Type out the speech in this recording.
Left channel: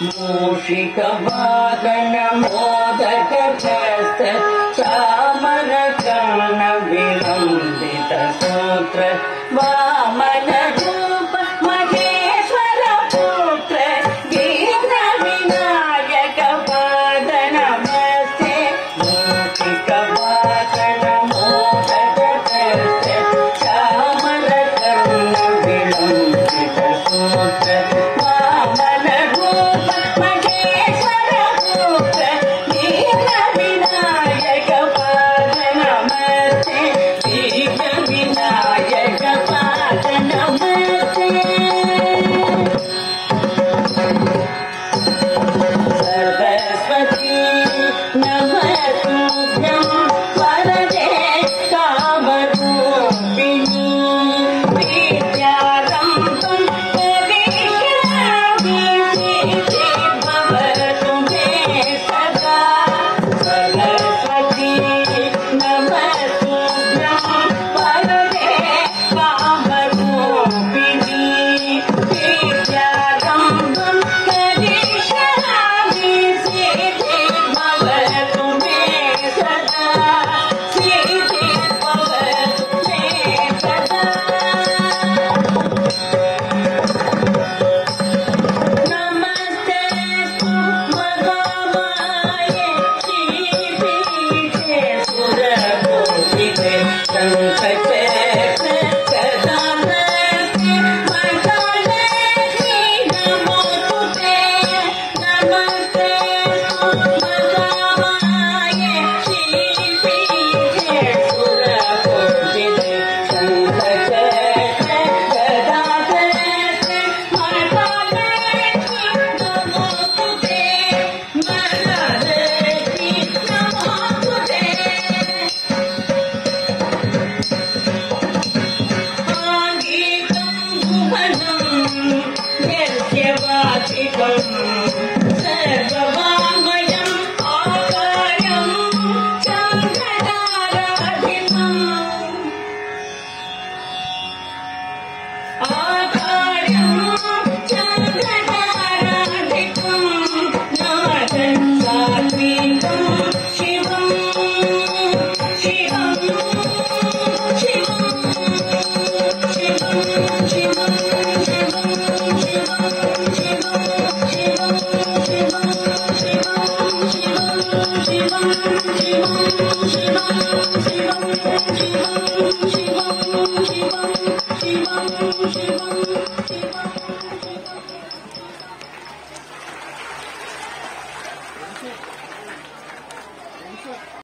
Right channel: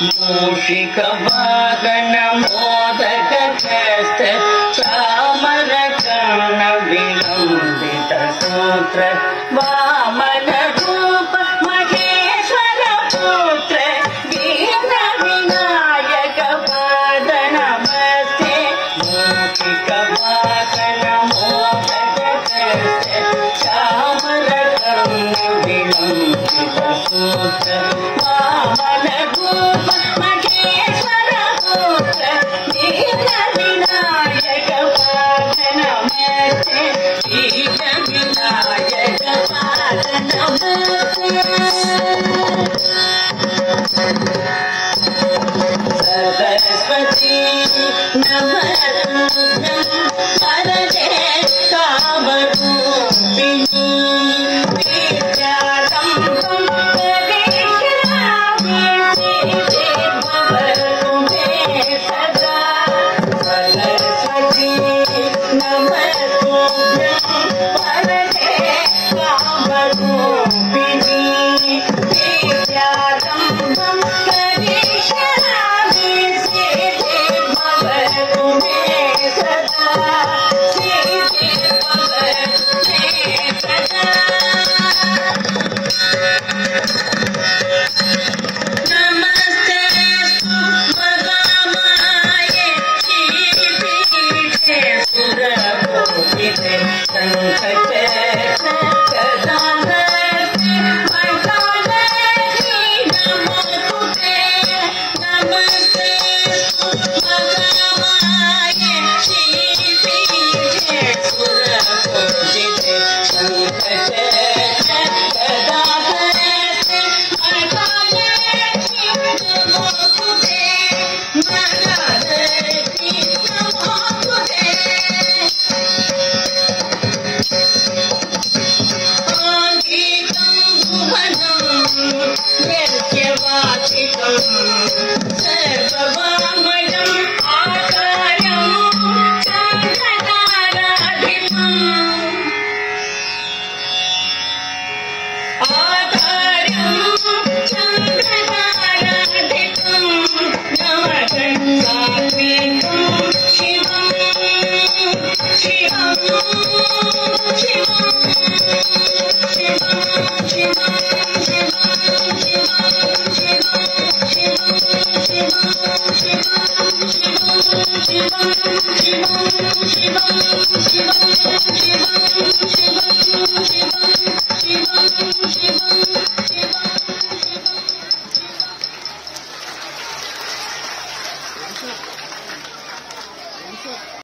मूषिक वाहन मोदक हस्त चामर कर्ण विलंबित सूत्र वामन रूप महेश्वर पुत्र दीन विनायक पाद नमस्ते मूषिक वाहन मोदक हस्त चामर कर्ण विलंबित सूत्र वामन रूप महेश्वर पुत्र दीन विनायक पाद नमस्ते दीन विनायक पाद नमस्ते सरस्वती नमस्तुभ्यं वरदे कामरूपिणी विद्यारम्भं करिष्यामि भवतु मे सदा सरस्वती नमस्तुभ्यं वरदे कामरूपिणी विद्यारम्भं करिष्यामि भवतु मे सदा भवतु मे सदा नमस्तेस्तु महामाये श्रीपीठे सुरपूजिते शङ्खचक्र गदाधरे मण्डलधरे नमोस्तुते नमस्तेस्तु महामाये श्रीपीठे सुरपूजिते शङ्खचक्र गदाधरे मण्डलधरे नमोस्तुते नरहरि नमोस्तुते गीतं भुवनं यज्ञवाचिकं सर्ववाङ्मयम् आकार्यं चन्द्रताराधितम् आकार्यं चन्द्रताराधितं नवगण्डात्मिकं शिवं शिवं शिवं शिवं शिवं